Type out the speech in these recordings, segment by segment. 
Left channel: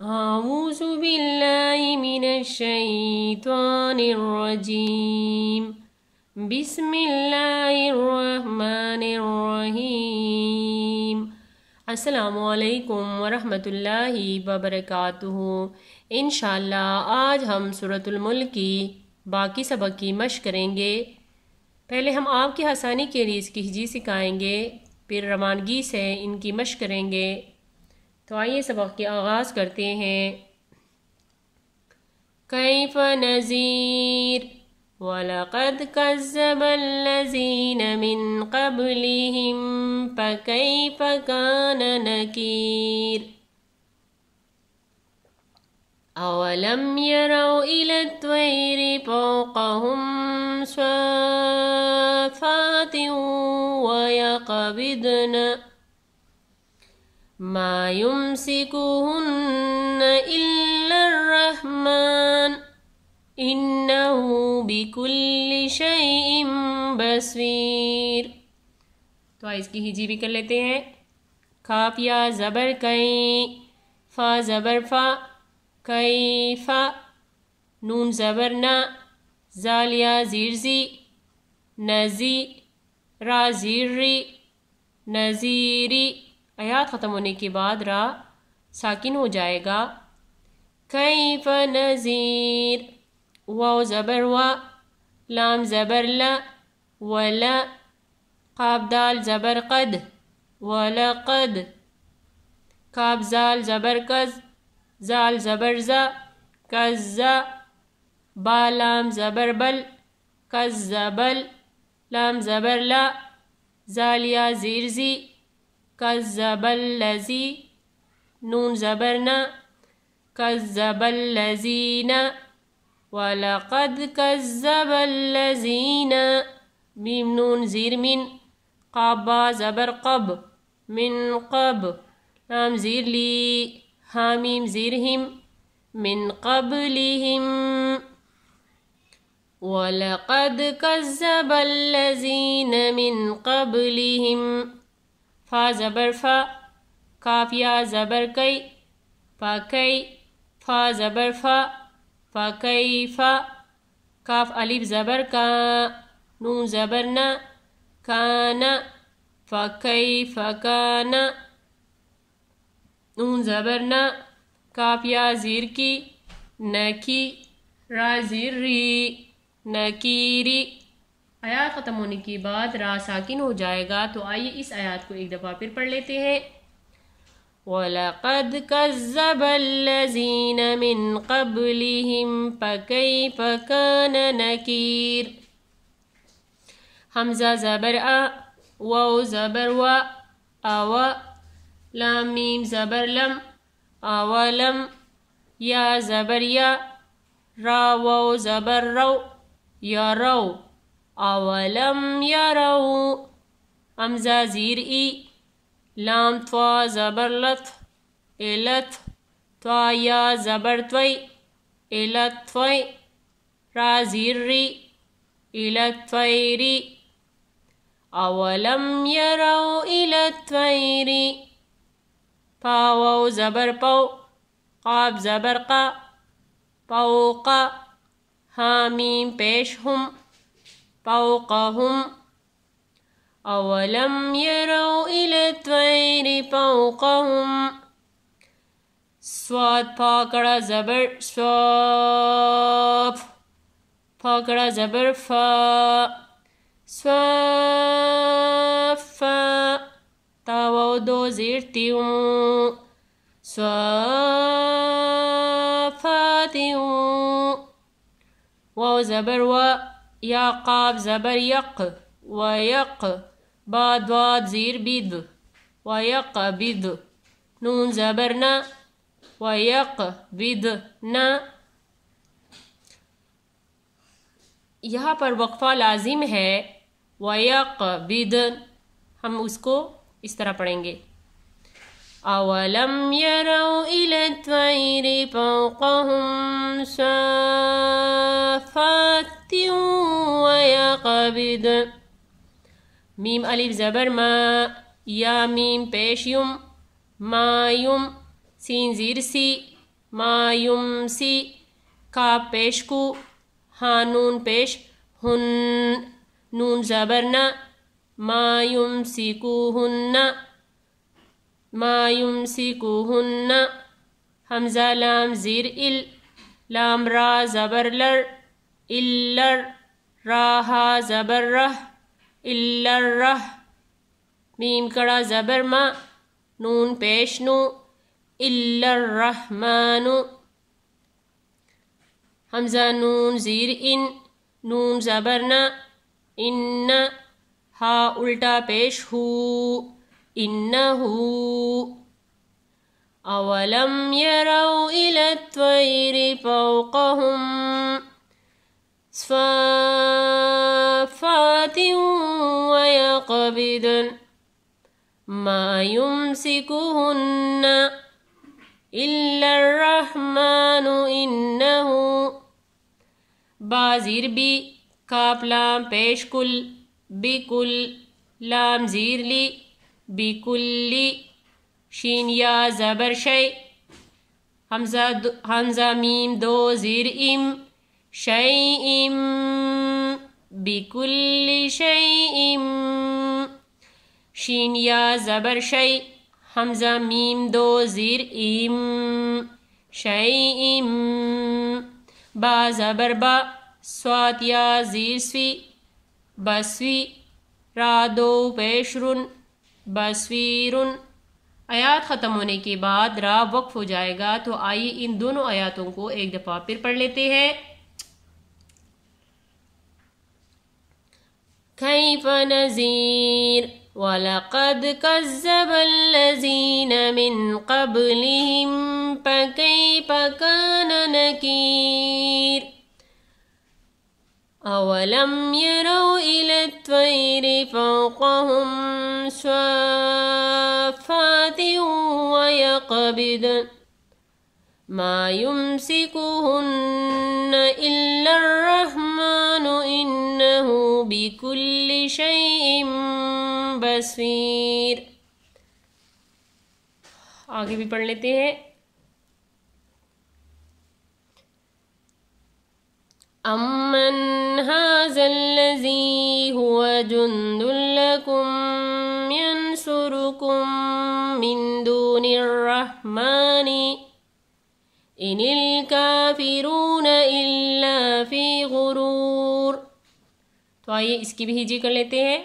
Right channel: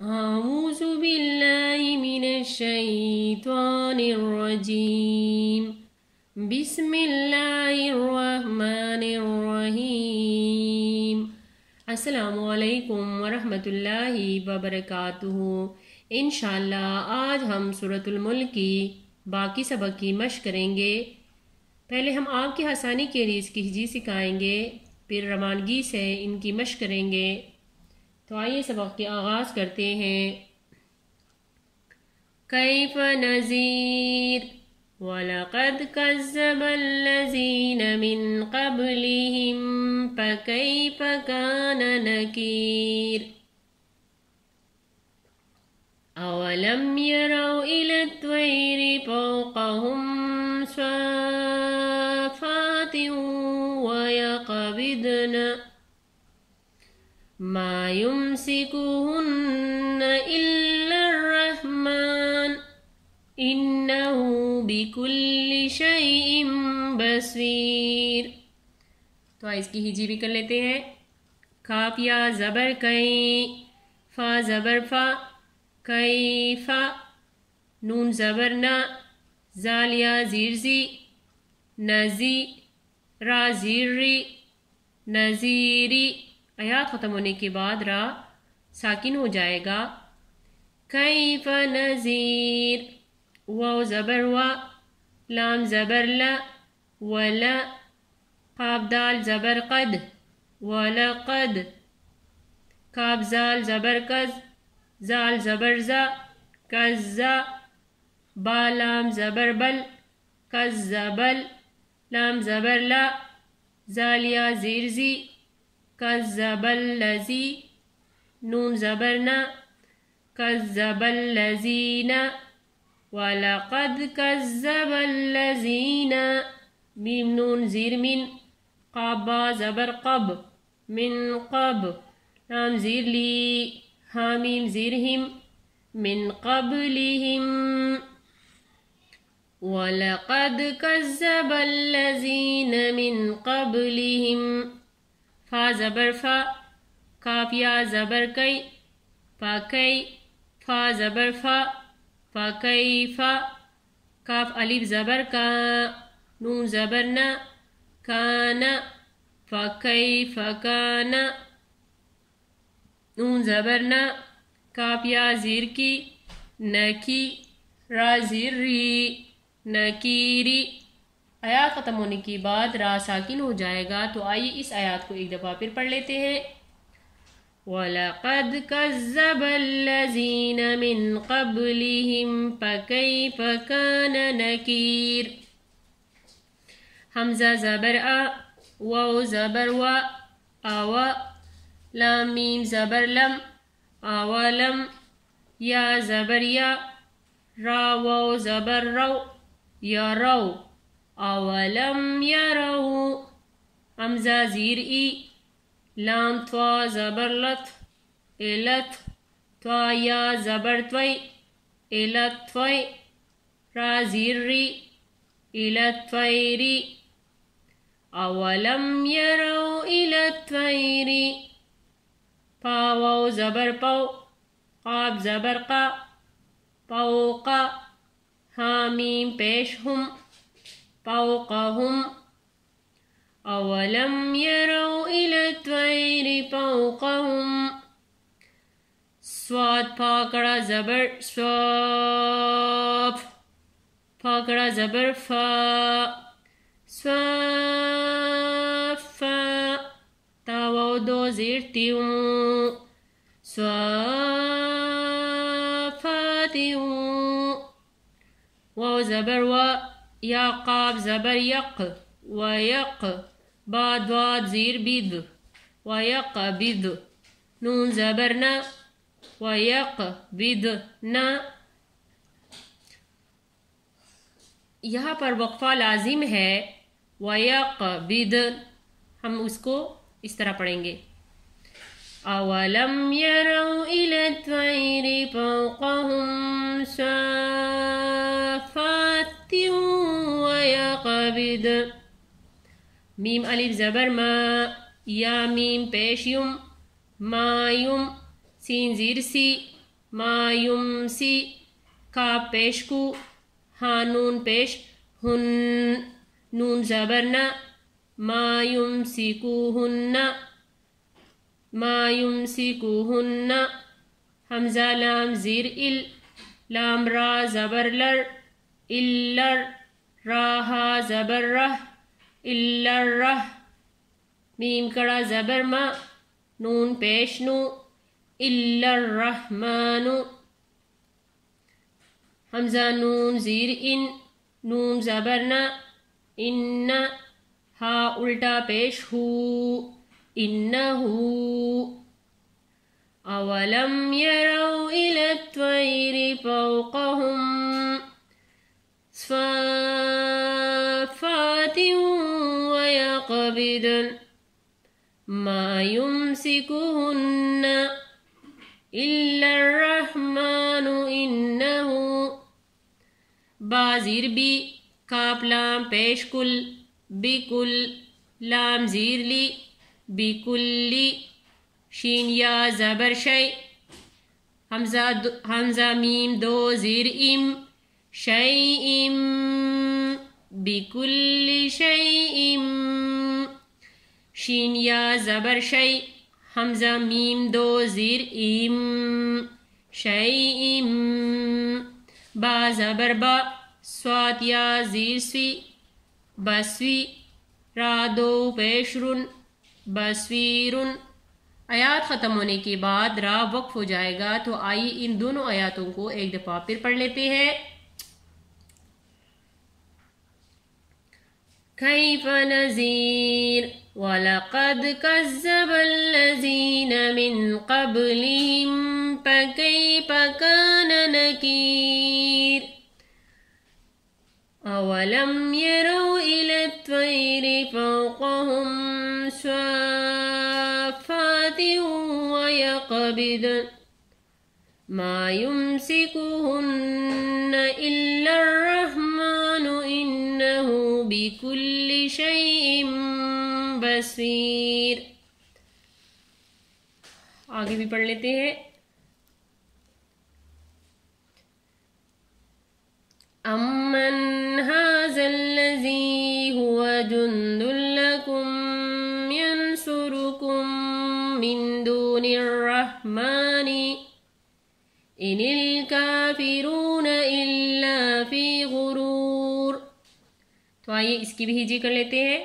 اعوذ باللہ من الشیطان الرجیم بسم اللہ الرحمن الرحیم۔ السلام علیکم ورحمۃ اللہ وبرکاتہ۔ انشاءاللہ آج ہم سورۃ الملک کی باقی سبق کی مشق کریں گے۔ پہلے ہم آپ کی آسانی کے لیے اس کی ہجی سکھائیں گے، پھر روانگی سے ان کی مشق کریں گے۔ تو آئیے سبق کی آغاز کرتے ہیں۔ کیف نذیر وَلَقَدْ كَذَّبَ الَّذِينَ مِن قَبْلِهِمْ فَكَيْفَ كَانَ نَكِيرِ أَوَلَمْ يَرَوْا إِلَى الطَّيْرِ فَوْقَهُمْ صَافَّاتٍ وَيَقْبِضْنَ مَا يُمْسِكُهُنَّ إِلَّا الرَّحْمَنُ إِنَّهُ بِكُلِّ شَيْءٍ بَصِيرٌ۔ تو اس کی ہجی بھی کر لیتے ہیں۔ کاف یا زبر کئی، فا زبر فا، کیفا، نون زبر نا، زال یا زیر زی، نزی، را زیر ری، نزیری۔ آیات ختم ہونے کے بعد را ساکن ہو جائے گا۔ کیف نذیر، واو زبر وا، لام زبر لا، ولا، قاف دال زبر قد، ولقد، کاف زال زبر کز، زال زبر زا، کزا، با لام زبر بل، کزبل، لام زبر لا، زال یا زیر زی، کذب الذی، نون زبر نا، کذب الذین، وَلَقَدْ كَذَّبَ الَّذِينَ، میم نون زیر من، قاف با زبر قب، من قب، لام زیر لی، حامیم زیر ہم، من قبلہم، وَلَقَدْ كَذَّبَ الَّذِينَ مِن قَبْلِهِمْ، فا زبر فا، کاف یا زبر کئی، فا کئی، فا زبر فا، فا کئی فا، کاف الف زبر کا، نون زبر نا، کانا، فا کئی فا کانا، نون زبر نا، کاف یا زیر کی، نکی، را زیر ری، نکیری۔ آیات ختم ہونے کے بعد را ساکن ہو جائے گا۔ تو آئیے اس آیات کو ایک دفعہ پھر پڑھ لیتے ہیں۔ وَلَقَدْ كَذَّبَ الَّذِينَ مِن قَبْلِهِمْ فَكَيْفَ كَانَ نَكِيرِ۔ حمزہ زبر آ، واو زبر وا، آوا، لام میم زبر لم، آولم، یا زبر یا، را واو زبر رو، یا رو، اولم یرو، حمزہ زیر ای، لام توا زبر لت، الت، توا یا زبر توی، الت توی، را زیر ری، الت تویری، اولم یرو الت تویری، پا واو زبر پو، قاف زبر قا، پوقا، حامیم پیش ہم، فوقهم، اولم يروا الى الطير فوقهم، صاد پاکڑا زبر صاف، پاکڑا زبر فا، صافا، تاو دو زیر تیوں، صافاتیوں، واو زبر وا، یا قاف زبر یک، ویق، با دواد زیر بید، ویق بید، نون زبر نا، ویق بید نا۔ یہاں پر وقفہ لازم ہے، ویق بید، ہم اس کو اس طرح پڑھیں گے۔ اولم یروا الی الطیر فوقهم صافات ویقبض، میم الف زبر ما، یا میم پیش یم، ما یم، سین زیر سی، ما یمسی کاف پیش کو ہاں نون پیش ہن نون زبر نا ما یمسکوہن ما یمسکوہن حمزہ لام زیر ال لام را زبر لر الر را ہا زبر رہ الرہ میم کڑا زبر ما نون پیش نو الرحمن حمزہ نون زیر ان نون زبر نا ان ہا الٹا پیش ہو انہو اولم یروا الی الطیر فوقہم صافات ویقبضن ما یمسکہن الا الرحمن انہو با زیر بی کاف لام پیش کل بکل لام زیر لی بکلی شین یا زبر شی حمزہ میم دو زیر ام شیئم بکل شیئم شین یا زبر شی حمزہ میم دو زیر ام شیئم با زبر با صاد یا زیر سوی بسوی را دو پیش رن بسویرن آیات ختم ہونے کے بعد را وقف ہو جائے گا، تو آئیے ان دونوں آیاتوں کو ایک دفعہ پھر پڑھ لیتے ہیں۔ کیف نذیر وَلَقَدْ كَذَّبَ الَّذِينَ مِن قَبْلِهِمْ فَكَيْفَ كَانَ نَكِيرِ أَوَلَمْ يَرَوْا إِلَى الطَّيْرِ فَوْقَهُمْ صَافَّاتٍ وَيَقْبِضْنَ مَا يُمْسِكُهُنَّ إِلَّا الرَّحْمَنُ إِنَّهُ بِكُلِّ شَيْءٍ بصیر۔ آگے بھی پڑھ لیتے ہیں۔ امن ھذا الذی هو جند لکم ینصرکم من دون الرحمن ان الکافرون الا فی غرور۔ تو آئیے اس کی بھی ہجی کر لیتے ہیں۔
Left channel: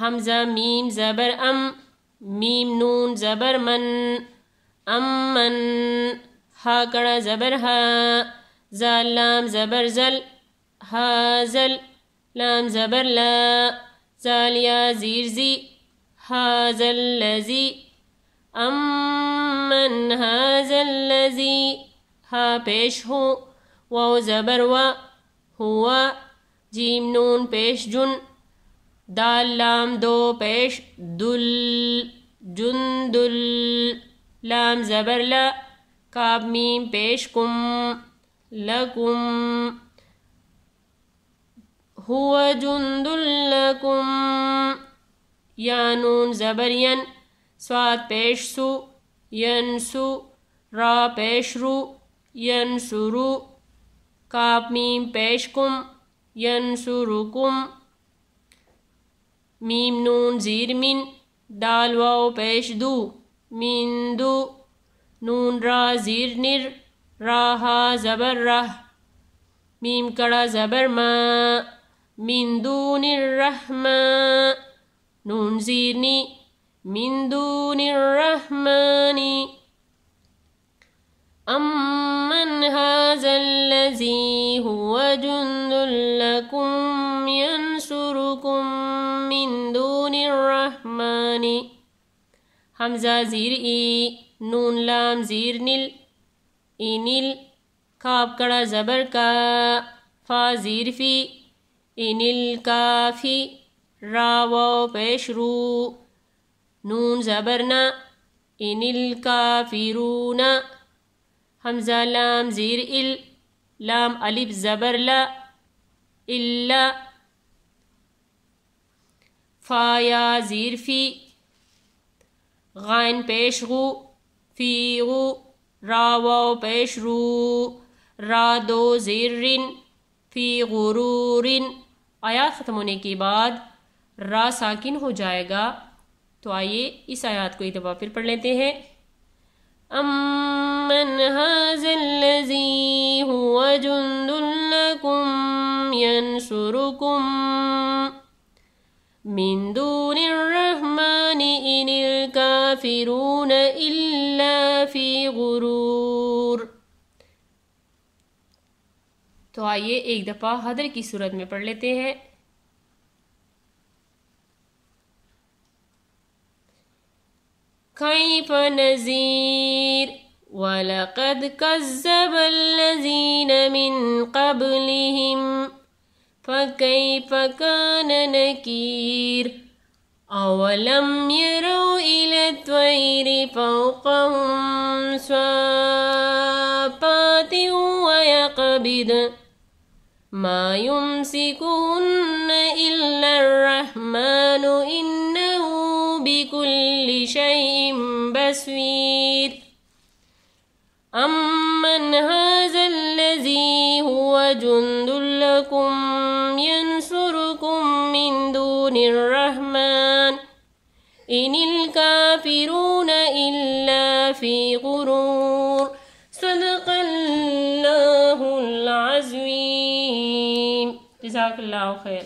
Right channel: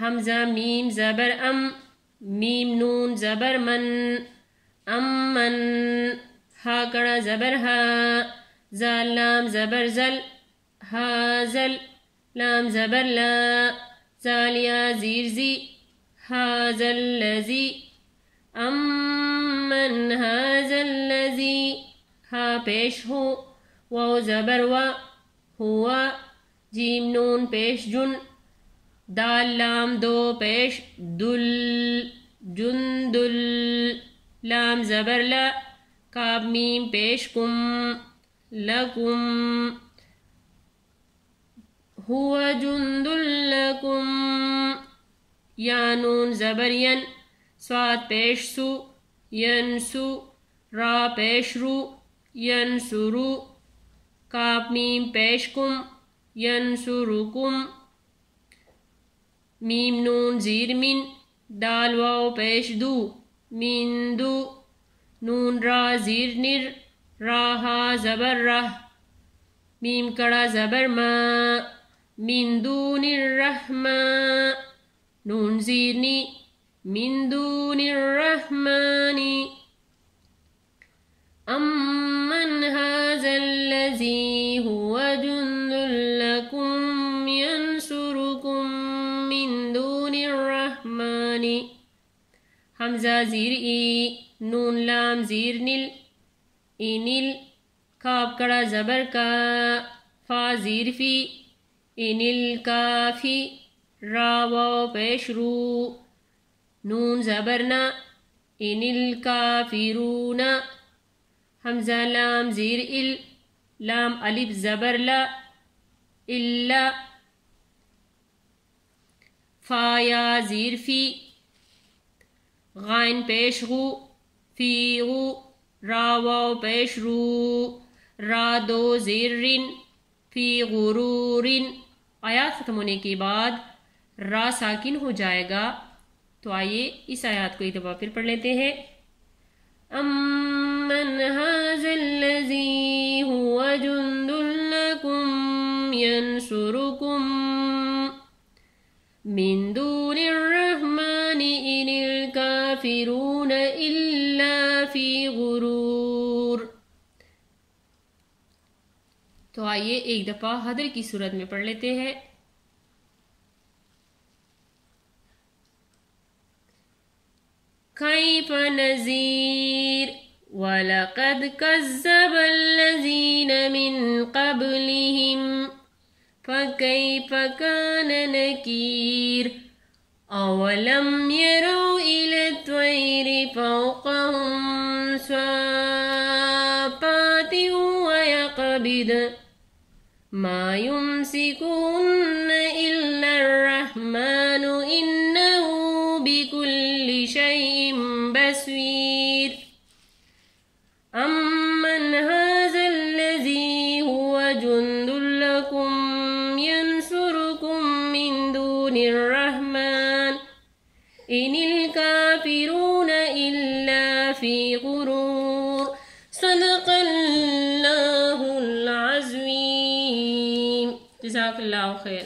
حمزہ میم زبر ام میم نون زبر من امن ہا کڑا زبر ہا زال لام زبر زل ہا زل لام زبر لا زال یا زیر زی ہا زل لذی امن ھذا الذی ہا پیش ہو واو زبر و ہوا جیم نون پیش جن دال لام دو پیش دل جندل لام زبر لا کاب میم پیش کم لکم هو جند لکم یا نون زبر ین صاد پیش سو ینسو را پیش رو ینسرو کاب میم پیش کم ینسرکم میم نون زیر من دال واو پیش دو من دو نون را زیر نر را ہا زبر رہ میم کڑا زبر ما من دون الرحمن نون زیر نی من دون الرحمن امن ھذا الذی هو جند لکم ینصرکم من دون الرحمن حمزہ زیر ای نون لام زیر نل انل کاف کڑا زبر کا فا زیر فی انل کافی را واو پیش رو نون زبر نا انل کافرون حمزہ لام زیر ال لام الف زبر لا الا فا یا زیر فی غائن پیش غو فی غو را واو پیش رو، را دو زیر فی غرور. آیات ختم ہونے کے بعد را ساکن ہو جائے گا. تو آئیے اس آیات کو ایک دفعہ پھر پڑھ لیتے ہیں. امن ھذا الذی ھو جند لکم ینصرکم من دون الرحمن ان الکافرون الا فی غرور. تو آئیے ایک دفعہ حدر کی صورت میں پڑھ لیتے ہیں. کیف نذیر وَلَقَدْ كَذَّبَ الَّذِينَ مِن قَبْلِهِمْ فَكَيْفَ كَانَ نَكِيرِ. أَوَلَمْ يَرَوْا إِلَى الطَّيْرِ فَوْقَهُمْ صَافَّاتٍ وَيَقْبِضْنَ مَا يُمْسِكُهُنَّ إِلَّا الرَّحْمَنُ إِنَّهُ بِكُلِّ شَيْءٍ بَصِيرٌ. أَمَّنْ هَذَا الَّذِي هُوَ جُندٌ لَكُمْ يَنْصُرُكُم مِّن دُونِ الرَّحْمَنِ إِنِ الْكَافِرُونَ إِلَّا فِي غُرُورٍ. صدق اللہ العظیم. جزاک اللہ خیر.